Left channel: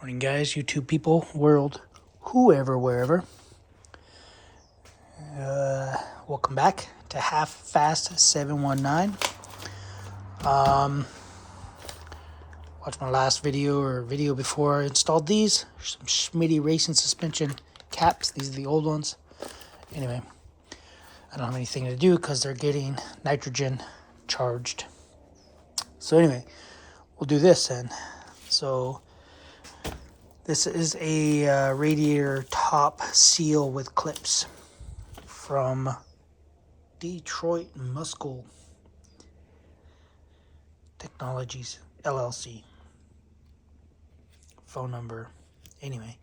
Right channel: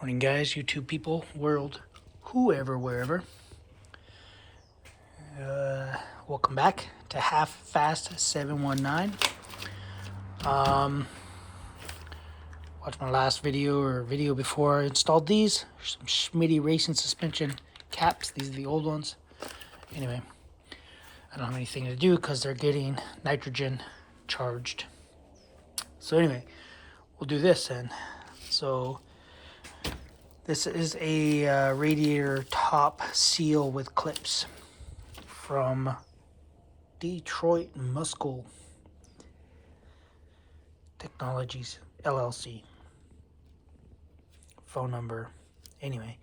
Morning, guys, YouTube people, world, whoever, wherever. Welcome back to Half Fast 719. Watch my last video or video before I installed these. Some Schmitty racing suspension caps. These are the old ones. Anyway, I don't have anything to do because they're getting nitrogen charged. So anyway, we'll do this then. So this is a radiator top seal with clips from Detroit Muscle Technologies LLC. Phone number. Anyway,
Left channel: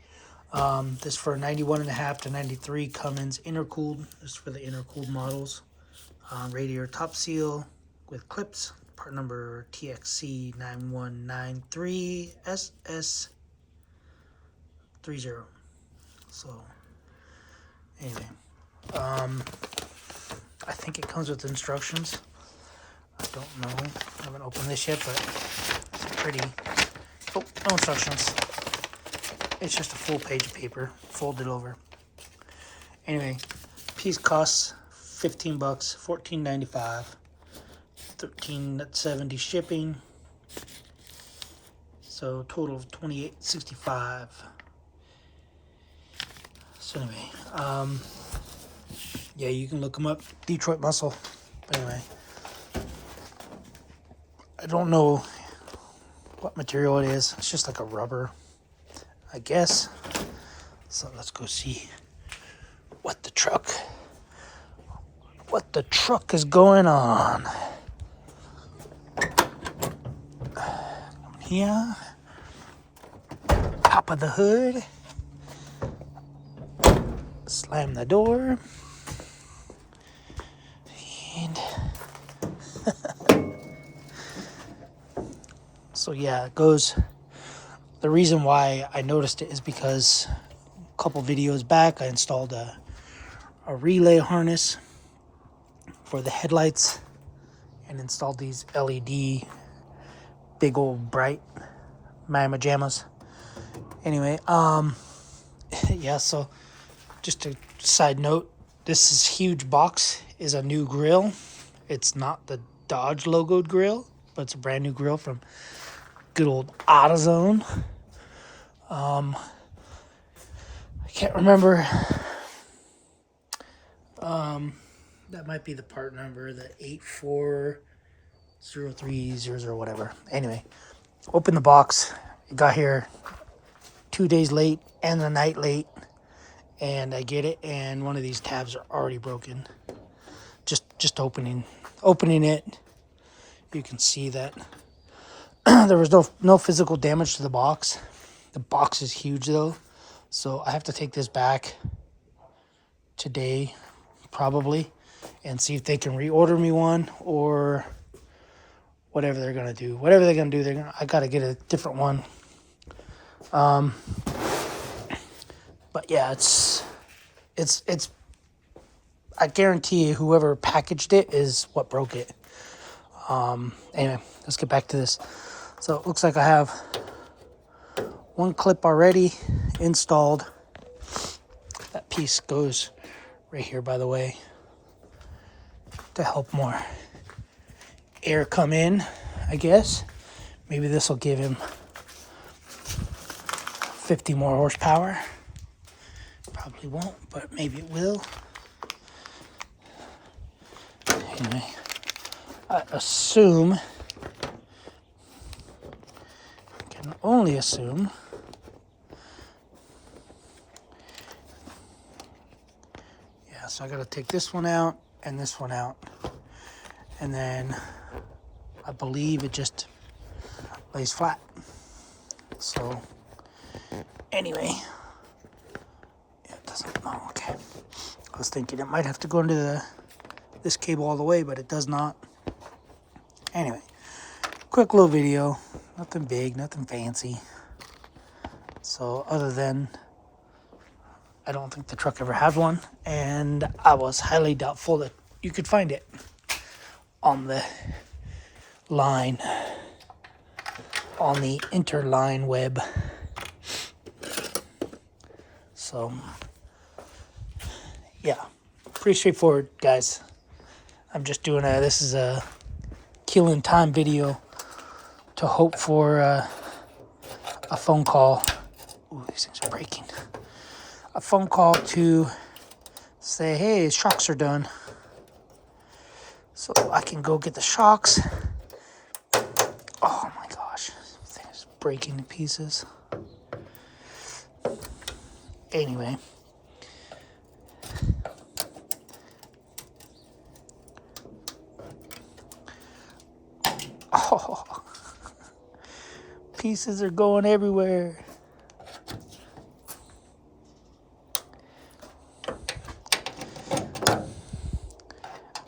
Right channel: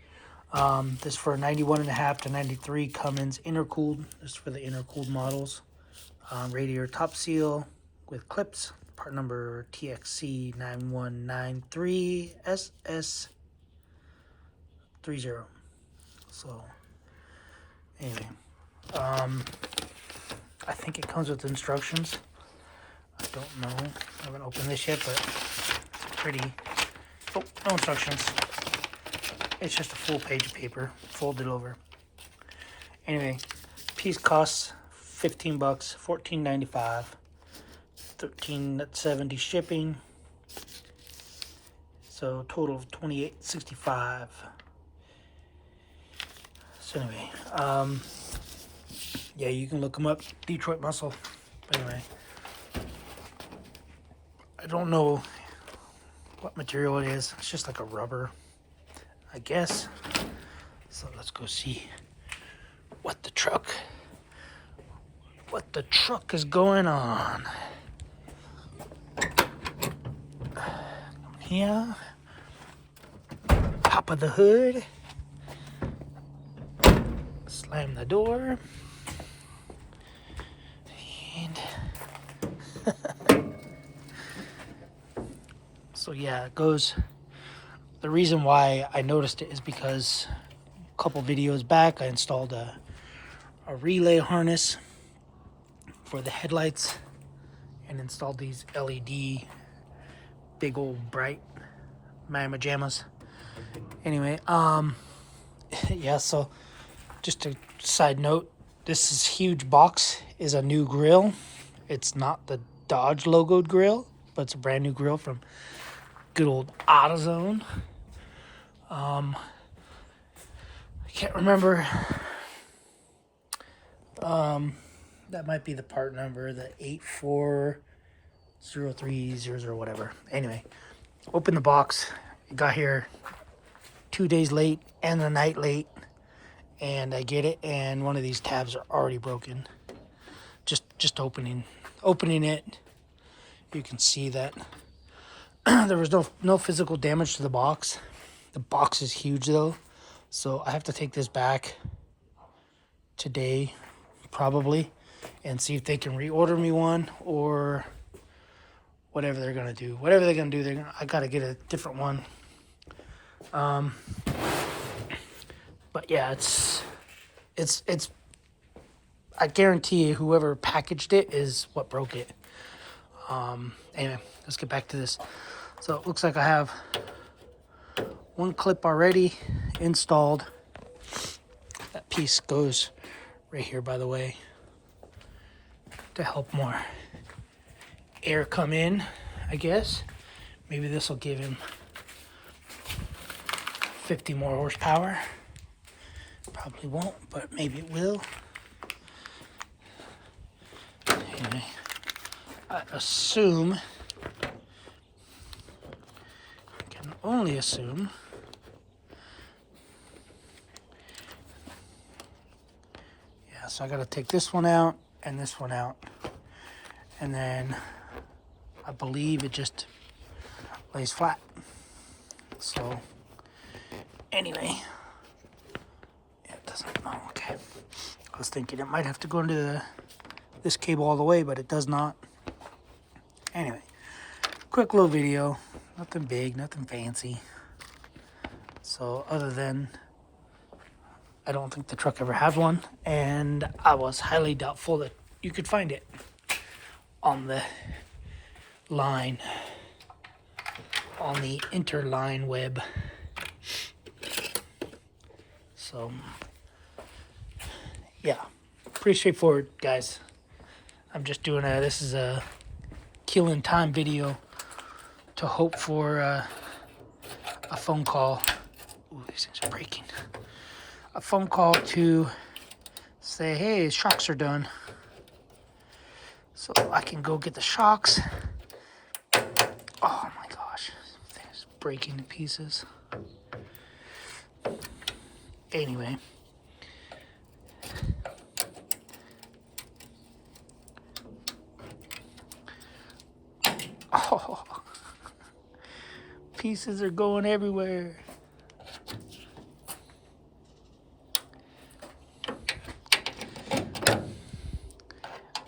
this for 91.5 to 93 Cummins intercooled. This is for the intercooled models. Radiator top seal with clips. Part number TXC 9193SS30. So anyway, I think it comes with instructions. I don't know. I haven't opened this yet, but it's pretty. Oh, no instructions. It's just a full page of paper folded over. Anyway, piece costs $15, $14.95, $13.70 shipping. So total of $28.65. So anyway, yeah, you can look them up, Detroit Muscle. But anyway, I don't know what material it is. It's just like a rubber, I guess. So let's go see what the truck is going on. Here, top of the hood. Slam the door. And so yeah, it goes. The reason why I noticed it is because a couple videos back I installed a relay harness for the headlights and installed these LED big old bright mamma jammas. Anyway, yeah, so just a side note, this is huge box is a new grill. It's not the Dodge logoed grill, but it's a brand new grill from good old AutoZone. I can't remember. That might be the part number, the 840300 whatever. Anyway, open the box. It got here 2 days late and a night late. And I get it, and one of these tabs are already broken. Just opening it, you can see that there was no physical damage to the box. The box is huge though, so I have to take this back today, probably, and see if they can reorder me one or whatever they're gonna do. Whatever they're gonna do, I gotta get a different one. But yeah, it's. I guarantee you, whoever packaged it is what broke it. Anyway, let's get back to this. So it looks like I have one clip already installed. That piece goes right here, by the way, to help more air come in, I guess. Maybe this will give him 50 more horsepower. Probably won't, but maybe it will. Anyway, I assume, can only assume, yeah, so I gotta take this one out and this one out, and then I believe it just lays flat. So anyway, yeah, it doesn't, oh, okay. I was thinking it might have to go into this cable all the way, but it does not. Anyway, quick little video, nothing big, nothing fancy. So other than, I don't think the truck ever had one, and I was highly doubtful that you could find it on the line, on the interline web. So, yeah, pretty straightforward, guys. I'm just doing this is a killing time video to hope for a phone call. Ooh, these things are breaking. A phone call to say, hey, shocks are done. So I can go get the shocks. Oh my gosh, this thing's breaking to pieces. Anyway. Oh, pieces are going everywhere.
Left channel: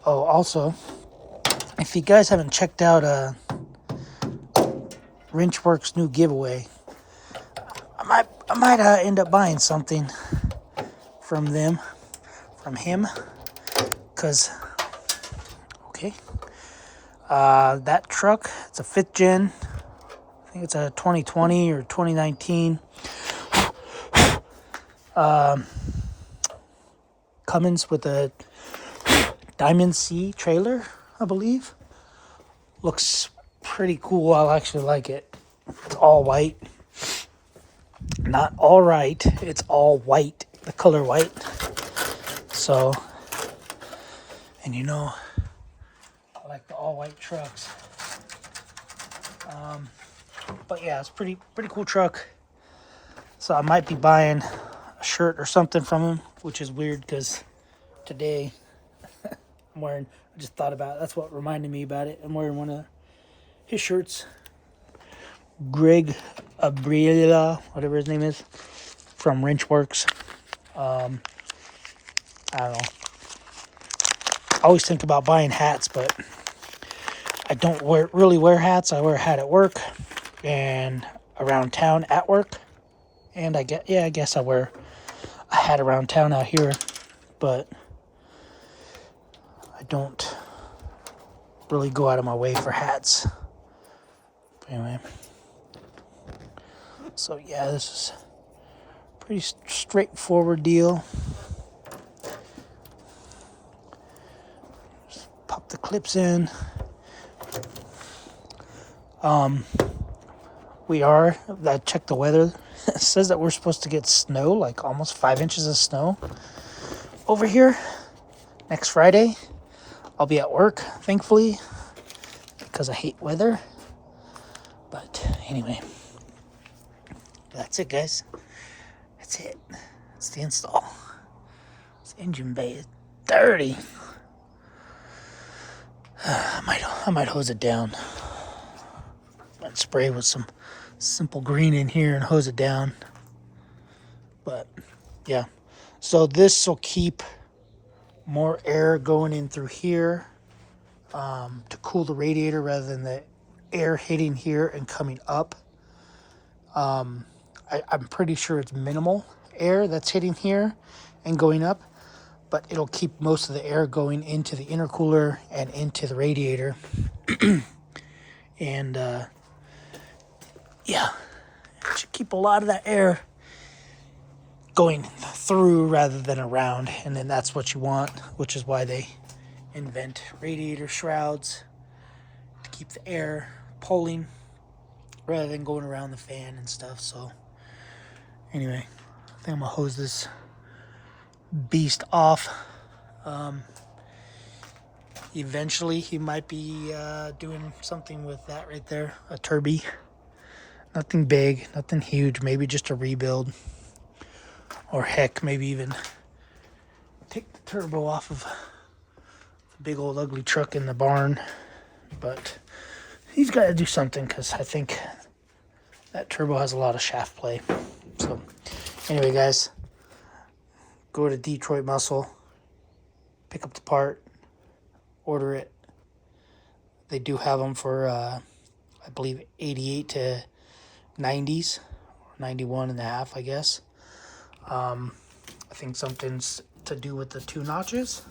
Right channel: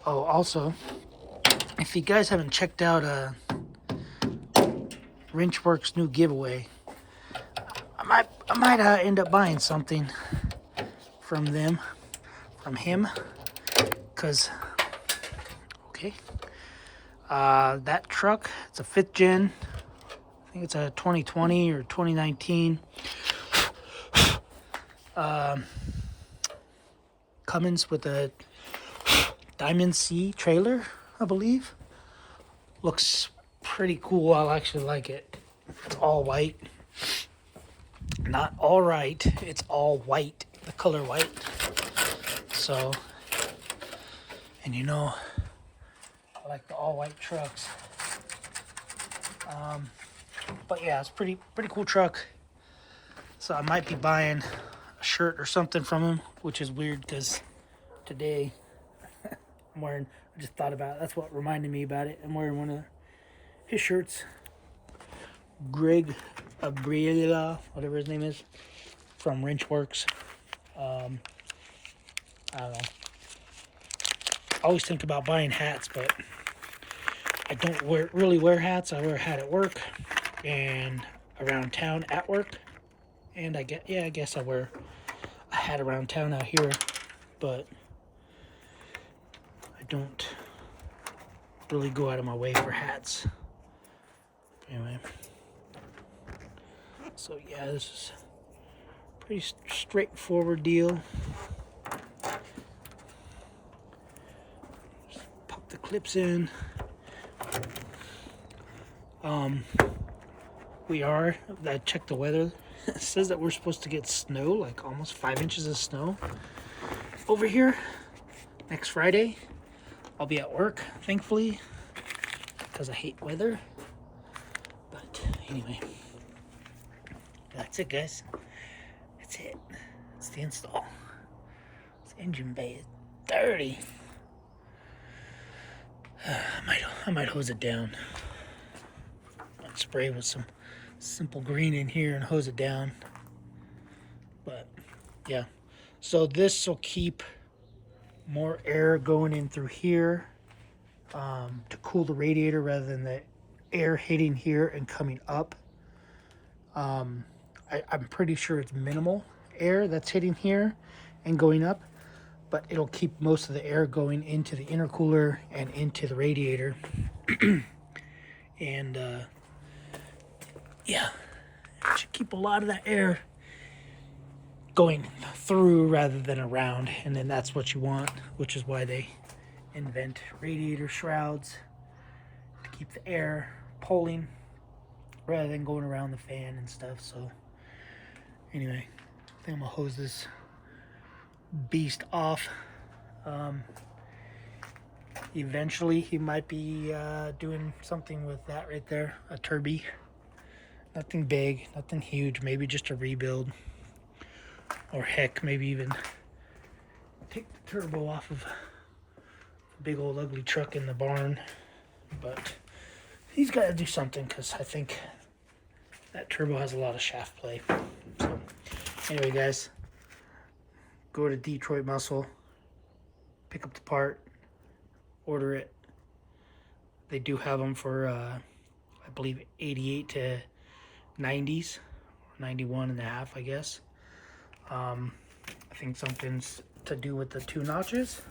Oh, also, if you guys haven't checked out Wrenchworks' new giveaway, I might end up buying something from them, from him, because, okay, that truck, it's a 5th gen, I think it's a 2020 or 2019, Cummins with a Diamond C trailer, I believe. Looks pretty cool. I actually like it. It's all white. Not all right. It's all white. The color white. So, and you know, I like the all white trucks. But yeah, it's pretty cool truck. So I might be buying a shirt or something from him, which is weird because today I'm wearing, I just thought about it. That's what reminded me about it. I'm wearing one of his shirts. Greg Abriela, whatever his name is, from Wrenchworks. I don't know. I always think about buying hats, but I don't really wear hats. I wear a hat at work and around town at work. And I guess I wear a hat around town out here, but I don't really go out of my way for hats. But anyway, so yeah, this is a pretty straightforward deal. Just pop the clips in. I checked the weather. It says that we're supposed to get snow, like almost 5 inches of snow over here next Friday. I'll be at work, thankfully, because I hate weather. But anyway, that's it, guys. That's it. That's the install. This engine bay is dirty. I might hose it down. Might spray with some simple green in here and hose it down. But yeah, so this will keep more air going in through here to cool the radiator rather than the air hitting here and coming up. I'm pretty sure it's minimal air that's hitting here and going up, but it'll keep most of the air going into the intercooler and into the radiator. And yeah, it should keep a lot of that air going through rather than around, and then that's what you want, which is why they invent radiator shrouds, to keep the air pulling rather than going around the fan and stuff. So anyway, I think I'm gonna hose this beast off. Eventually he might be doing something with that right there, a turby. Nothing big, nothing huge, maybe just a rebuild, or heck, maybe even take the turbo off of the big old ugly truck in the barn. But he's got to do something, because I think that turbo has a lot of shaft play. So anyway, guys, go to Detroit Muscle, pick up the part, order it. They do have them for I believe 88 to 90s, or 91 and a half, I guess. I think something's to do with the 2 notches.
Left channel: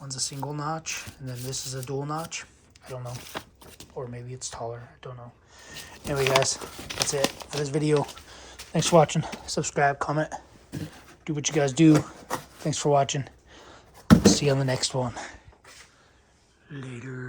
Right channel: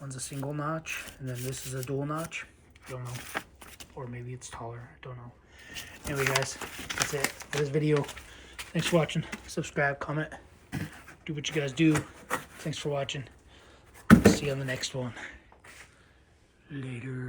One's a single notch, and then this is a dual notch. I don't know. Or maybe it's taller. I don't know. Anyway, guys, that's it for this video. Thanks for watching. Subscribe, comment. do what you guys do. Thanks for watching. See you on the next one. Later.